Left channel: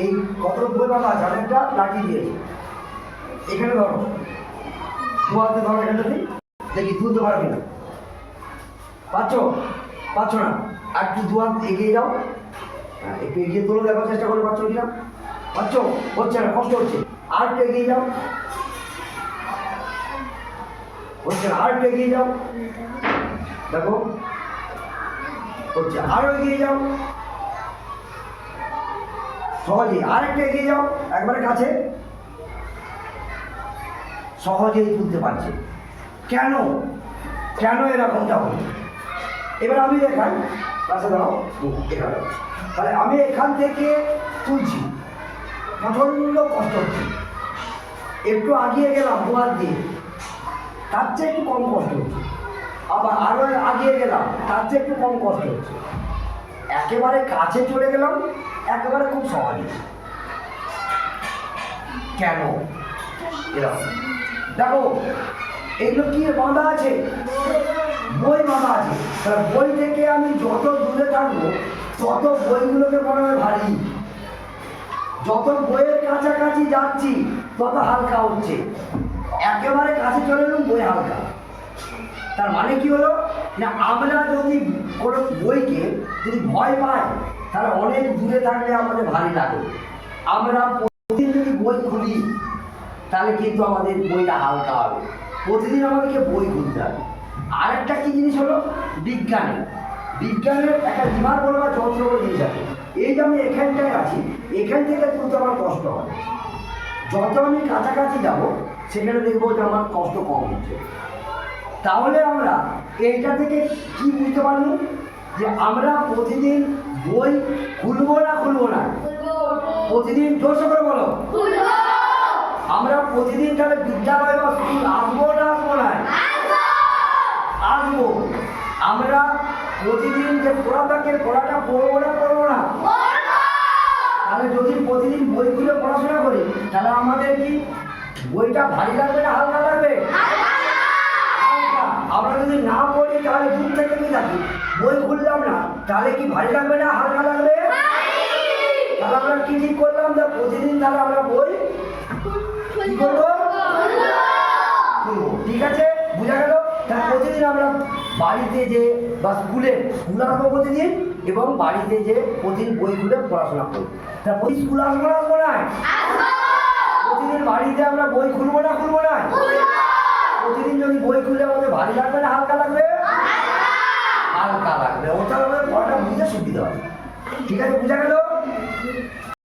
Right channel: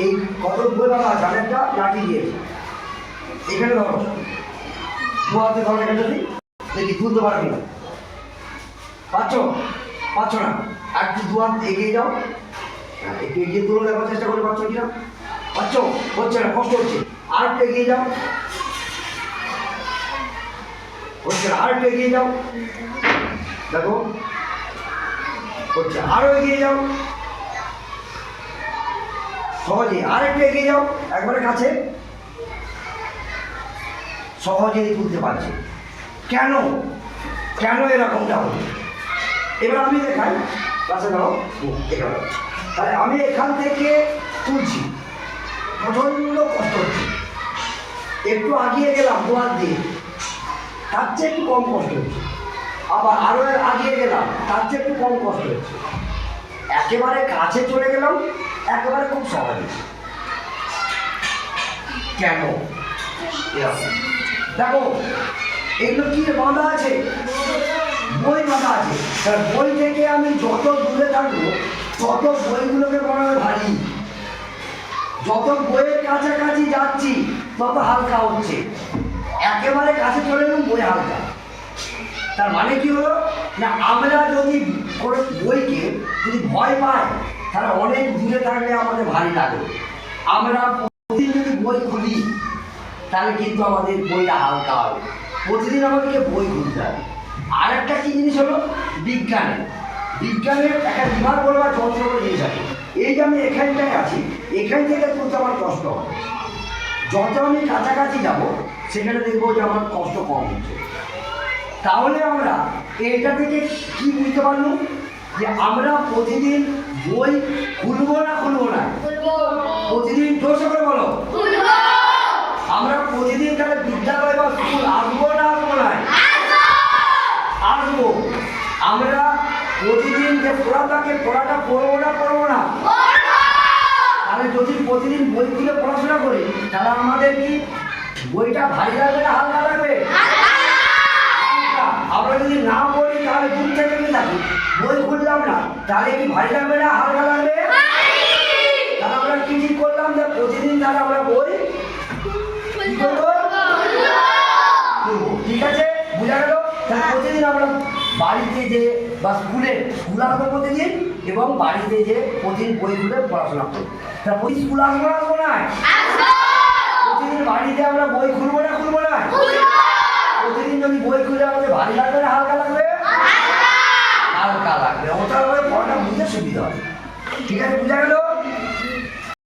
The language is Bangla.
এই কত বই বাবা আছে, আমি একটা লাঠি দিয়েছি, এখানে ধরো, দু হাতে ধরো এখানটা, দেখি তুলতে পারবি না, পাচ্ছ পাচ্ছ না, আর একটু দু হাত এগিয়ে যাও, হ্যাঁ একটু এগিয়ে তুলে দেওয়ার চেষ্টা করে, পাচ্ছ কিনা, পাচ্ছ, হচ্ছে না, কষ্ট হচ্ছে, আর একটু এগিয়ে যাও, হচ্ছে না, আর একটু এগিয়ে যাও, দেখো হচ্ছে, আরো এগিয়ে যাও, সহজে, আর একটু এগিয়ে যাও, একবারে কাছে, সহজেই তুলতে পারছে। কেন কেন এরকমটা হলো? এবার আমি দেখাই, কাছে দাও, এখানে, তাহলে আমি এখান থেকে তুলছি, প্রচন্ড কষ্ট হচ্ছে, একটু আগিয়ে গেলাম দোয়ার দিয়ে, তার চেয়ে একটু কম কষ্ট হচ্ছে, আবার আরো আগিয়ে গেলাম, তার চেয়ে একটু কম কষ্ট হচ্ছে, একেবারে কাছে চলে গেলাম, একেবারে খুব সহজে। কেন এরকম? দেখো এগুলো কি বাঁধা আছে, বই বাঁধা আছে, তাহলে বই থেকে আমি যত দূরে থাকবো তত বইগুলোকে মনে হয় ভারী, যত বইয়ের কাছাকাছি যাচ্ছি তত হালকা হচ্ছে, একেবারে কাছে চলে গেলাম বই হালকা। তার মানে কি হলো না, আমরা যদি কোনো বইকে যদি ভয় পাই তাহলে অনেক দূরে থাকলে আমাদের ভারী লাগে, আমরা প্রতিদিন যদি বই খুলি তাহলে কিন্তু আমাদের বইটা হালকা হবে, প্রতিদিন আমাদেরকে বই খুলতে হবে। আর একটা কি জিনিস হলো, বিজ্ঞানের একটা বিভাগ বলবার যন্ত্র করে জিনিস আছে, এই যে আমি এখানটায় আছি, এখান থেকে তুলতে আমার কষ্ট হয়, যত আমি কাছাকাছি যাব সেখানে দেখবো যে আমার কষ্ট কম হচ্ছে। তাহলে আমরা এইটা থেকে কি বুঝতে পারলো, যে আমরা প্রতিদিন বই খুলবো না প্রতিদিন জোরসে করে বলো, আমরা প্রতিদিন তাহলে বিদ্যালয় বা স্কুল আসবো না আসবো। আমরা প্রতিদিন যে পড়াটাকে পড়াটা পড়বো না, তাহলে যদি প্রতিদিন বই খুলে পড়াশোনা করি তাহলে আমাদের কি বইটা ভারী লাগবে না হালকা লাগবে? আমরা যদি না পড়ি তাহলে দূর থেকে থাকি, বই খুললাম না তাহলে কি ভারী লাগবে না হালকা লাগবে? তাহলে আমরা কি ঠিক করলাম, যে প্রতিদিন তাহলে আমরা বই কি করবো, ঠিক আছে, বুঝা গেল? তাহলে প্রতিদিন আমরা বাড়িতে যে বা স্কুল আসবো প্রতিদিন, এবং বাড়িতে যে প্রতিদিন বই খুলে পড়াশোনা করি। তা প্রতিদিন স্কুল আসবো না, প্রতিদিন বাড়িতে আমরা বই খুলবো না প্রতিদিন যদি বই খুলে আমাদের ভারী লাগবে না হালকা লাগবে? হালকা লাগবে, ওটা পড়াটা বুঝতে সুবিধা হয়। ঠিক আছে, বুঝা গেল?